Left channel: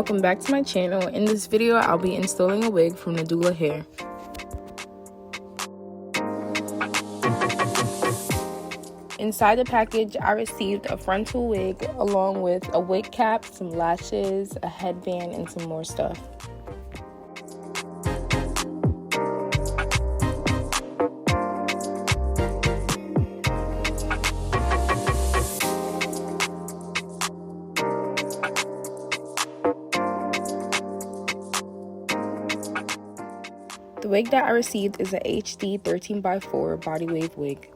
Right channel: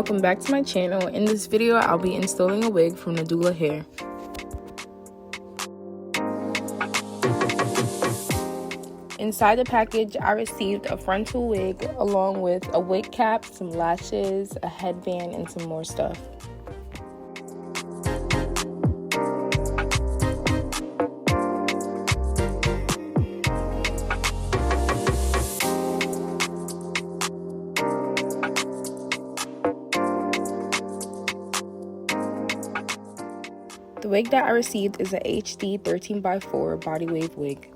welcome back to my channel. In this video, I'll be installing a wig from Nadula Hair. Inside the package, I received a frontal wig along with a wig cap, some lashes, a headband, and some more stuff. The wig that I received is a HD 13x4 body wave wig.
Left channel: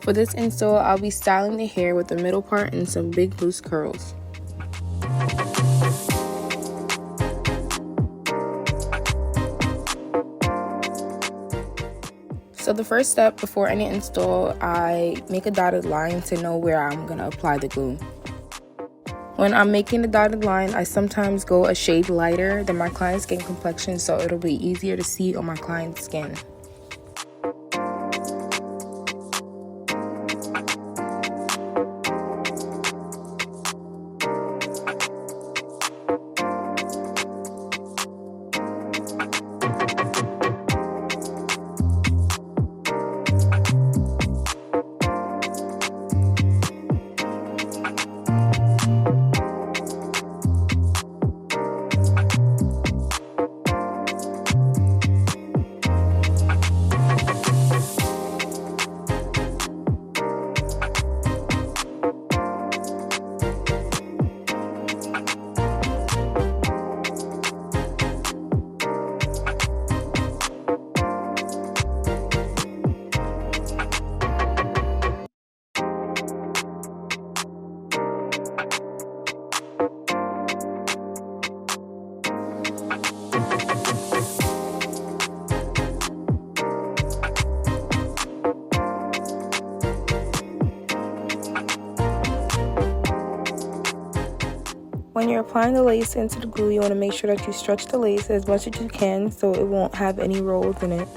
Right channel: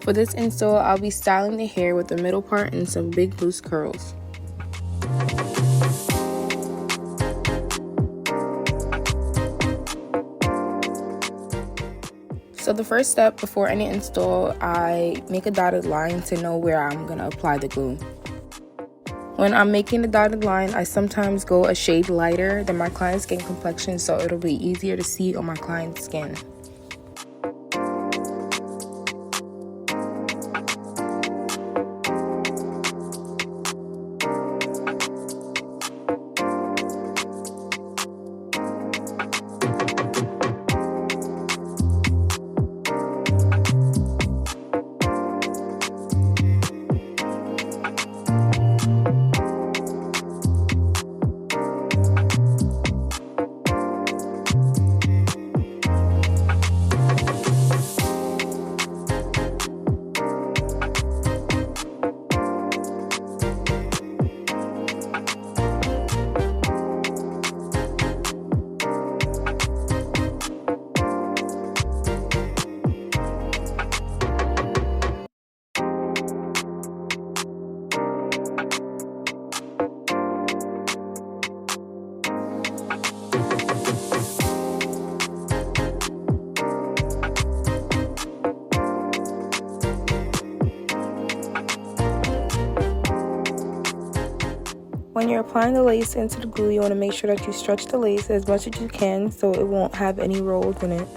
For this install, I'll be styling the hair with the middle part and some big loose curls. So the first step before any install, I make a dotted line to know where I'm going to apply the glue. When I'm making the dotted line, I sometimes go a shade lighter than my client's skin complexion so it'll be easier to see on my client's skin. When you're applying the lace into the glue, you want to make sure that you stretch the lace as much as you can so it won't have any rolls in it.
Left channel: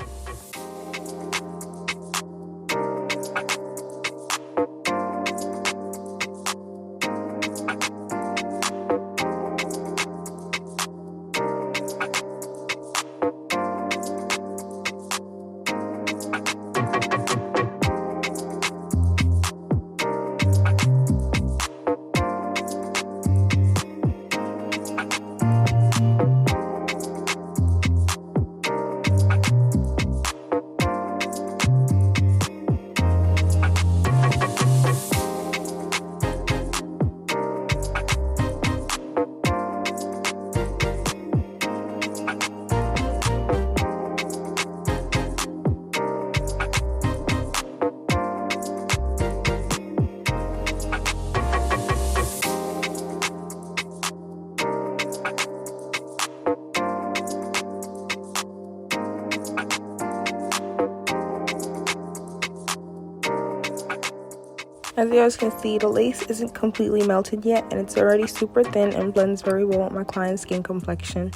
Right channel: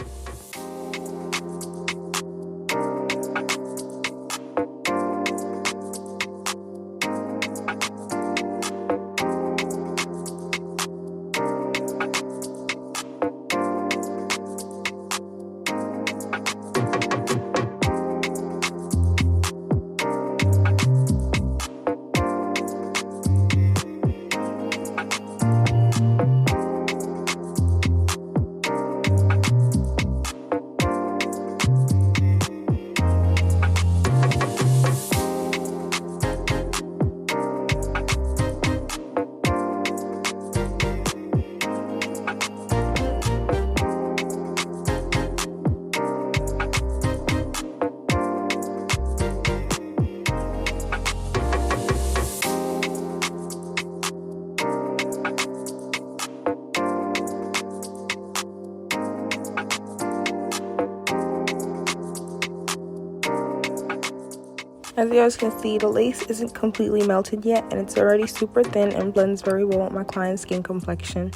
As you guys can see, the lace isn't completely melted yet and it's already super thin and blends very well with my client's skin complexion.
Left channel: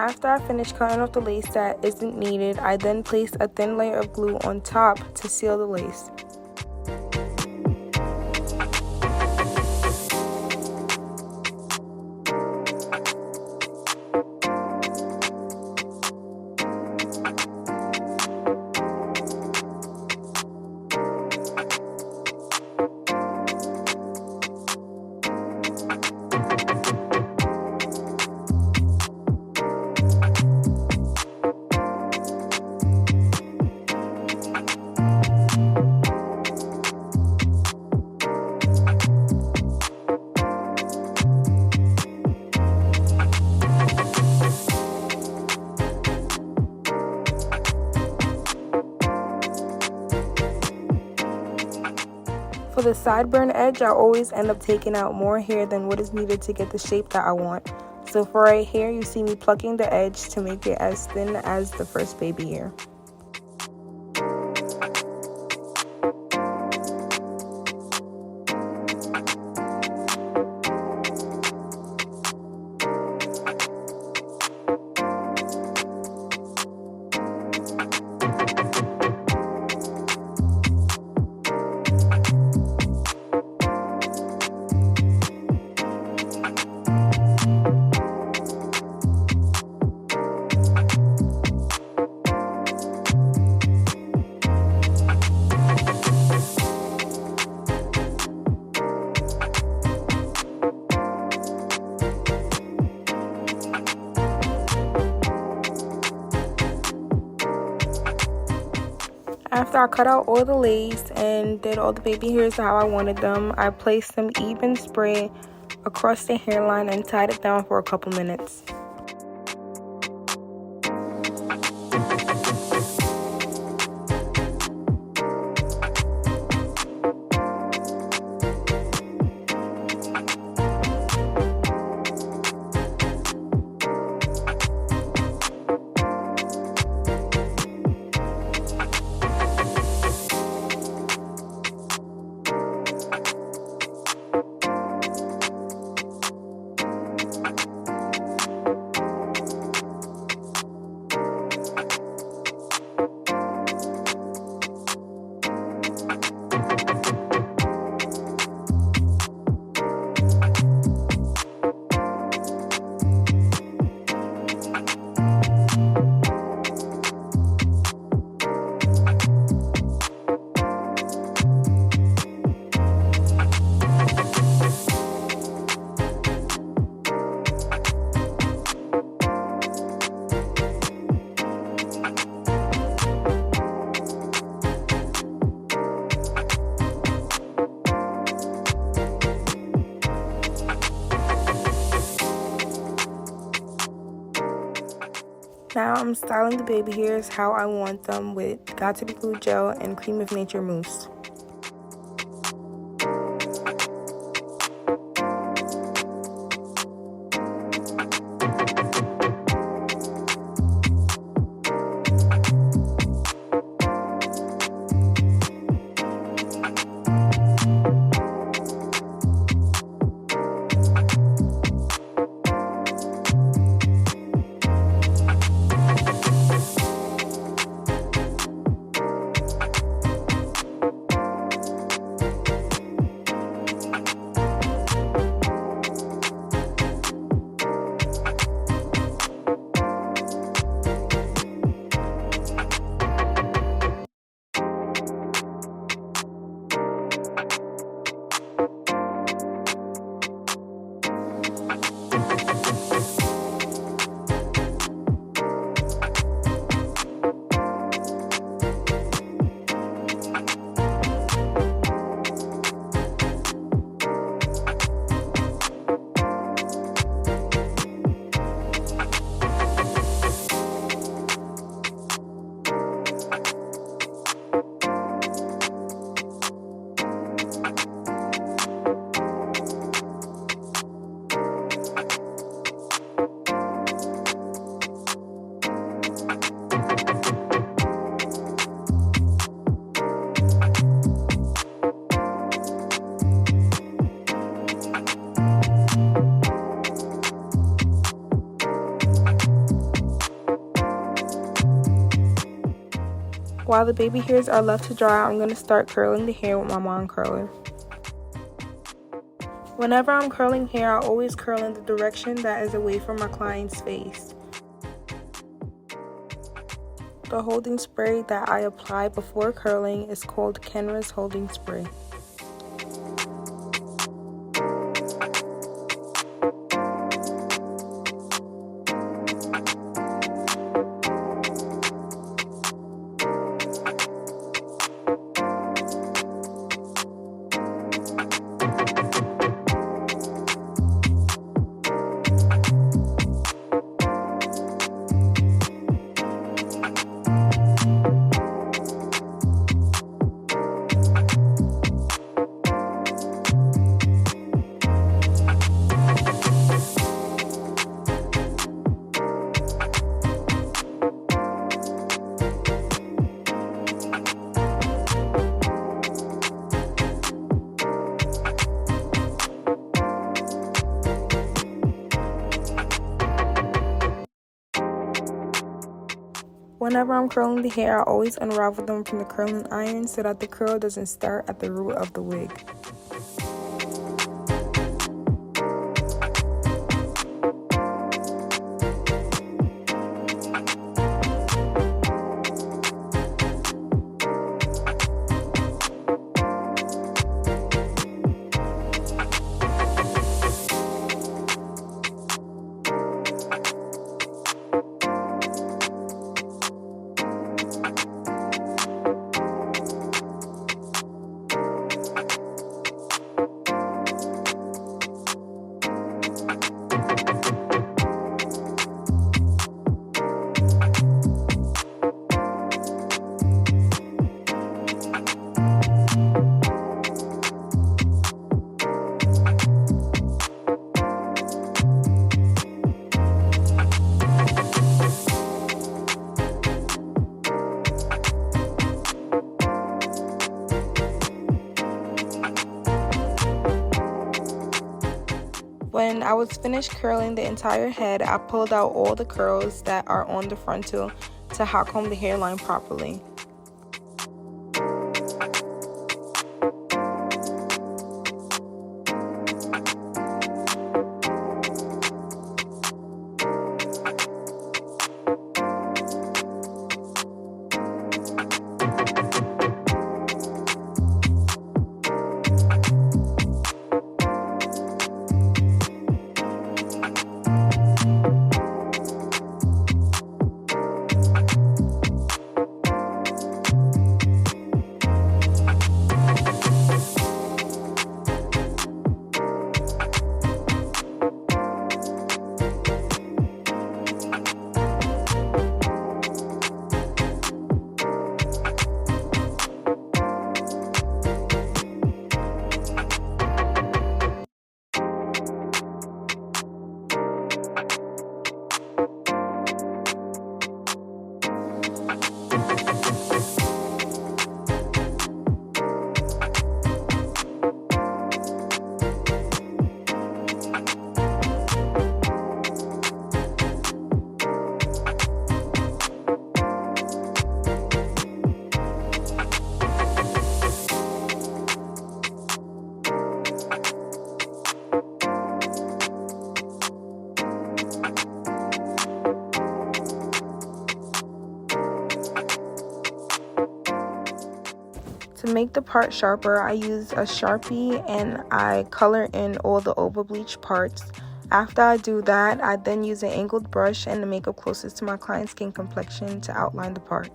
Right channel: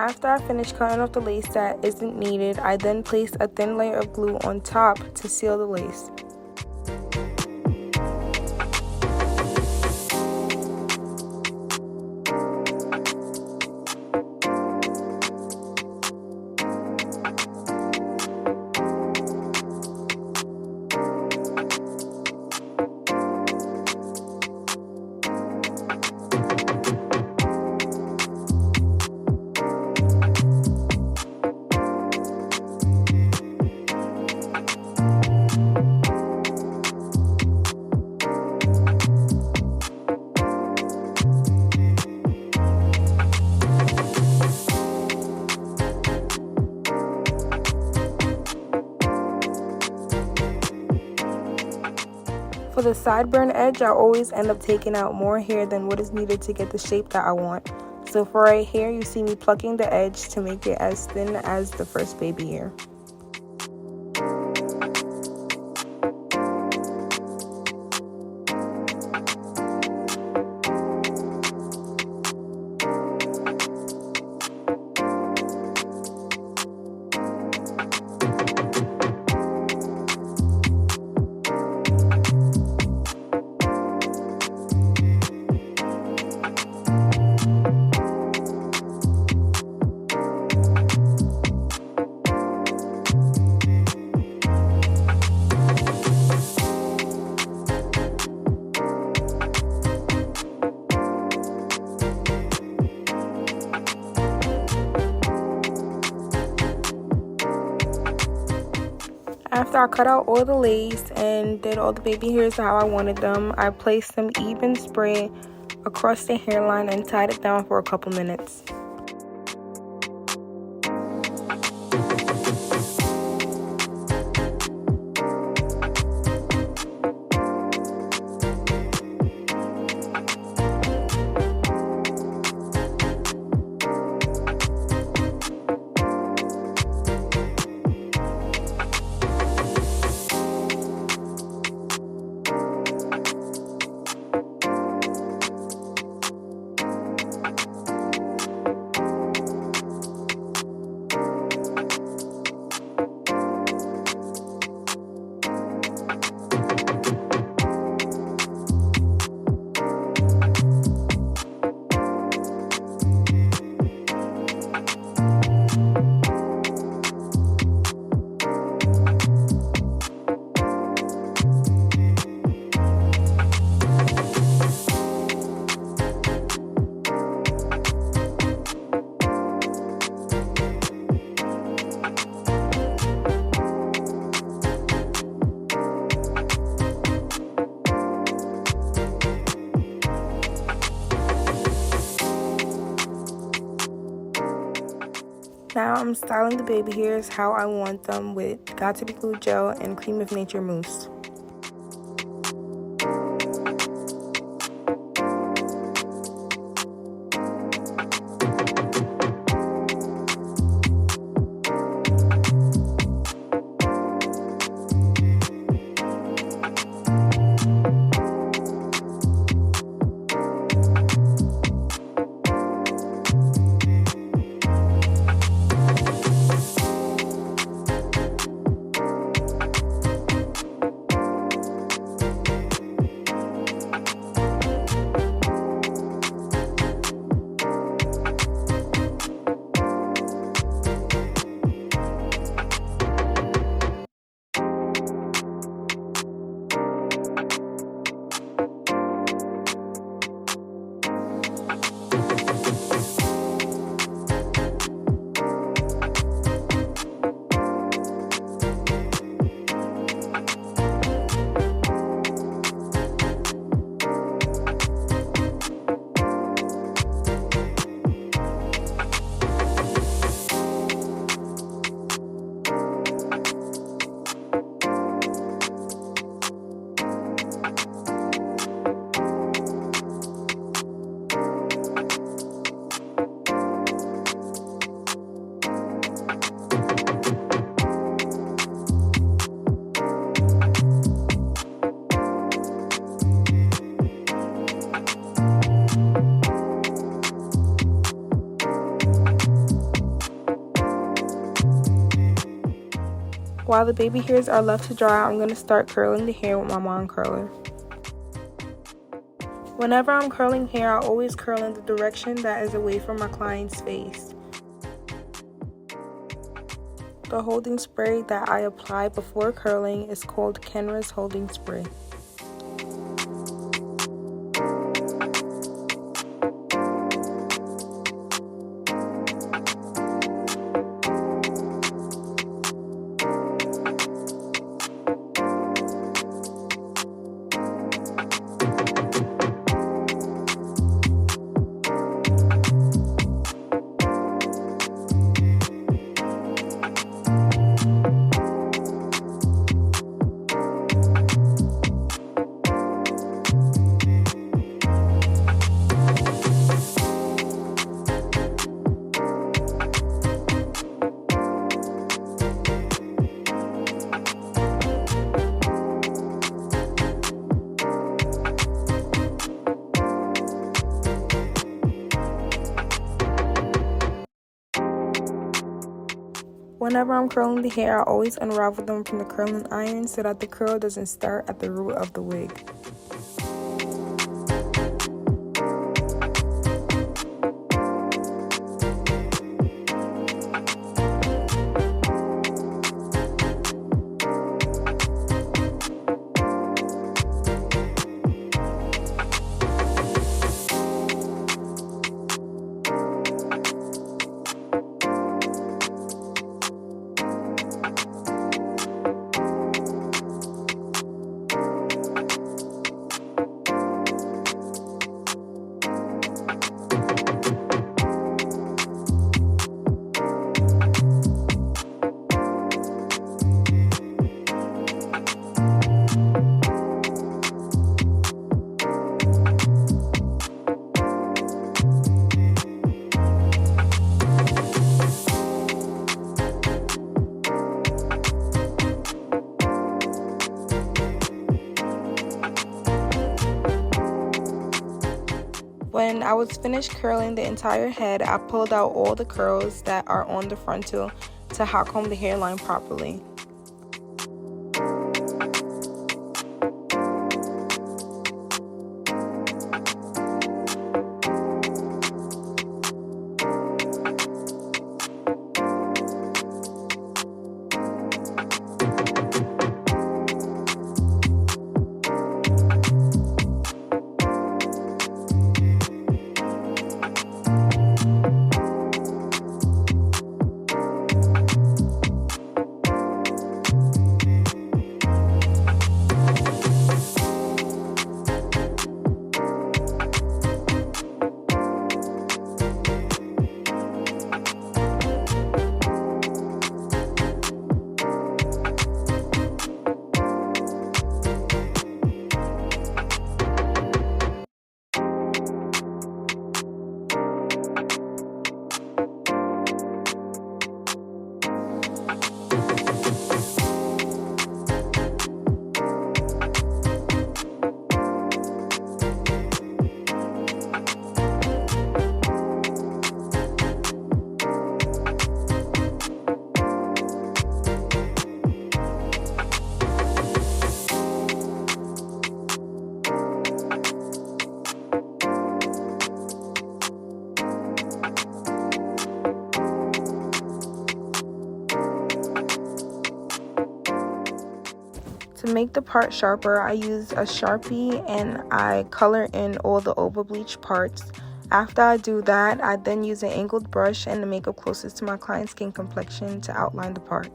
After I finish cutting off the lace that isn't needed, I then place a thin layer of glue on top to seal the lace. For the sideburn edge, I always end up taking out more hair than what is needed to get the shape that I want. So for right here, you see me plucking the edge to make it as thin as the first baby hair. After I cut out all the lace and did all the baby hairs how I wanted them, I placed some even spray across the hairline and tied it down for a couple minutes. Now I'm styling the baby hairs how I want them with Got2b Glue Gel and Cream of Nature Mousse. While the baby hairs are left to dry, I'm going to start curling the hair with my wand curler. Whenever I'm curling hair, I always curl in the direction that is away from my client's face. The holding spray that I apply before curling is called Kenra's holding spray. Whenever I'm curling the hair, I always unravel them from the curling iron so that the curl doesn't start at the root of the wig. When I was finished curling the entire head, I pulled out all the curls that are on the frontal to hot comb the hairline properly. To make the part sharper, I use a Sharpie and I color in all the over bleach parts. After I do that, I then use an angled brush and the makeup closest to my client's skin complexion to outline the part.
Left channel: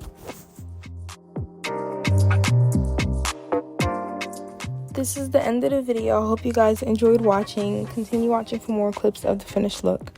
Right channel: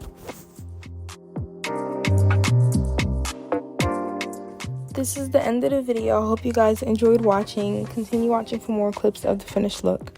This is the end of the video. I hope you guys enjoyed watching. Continue watching for more clips of the finished look.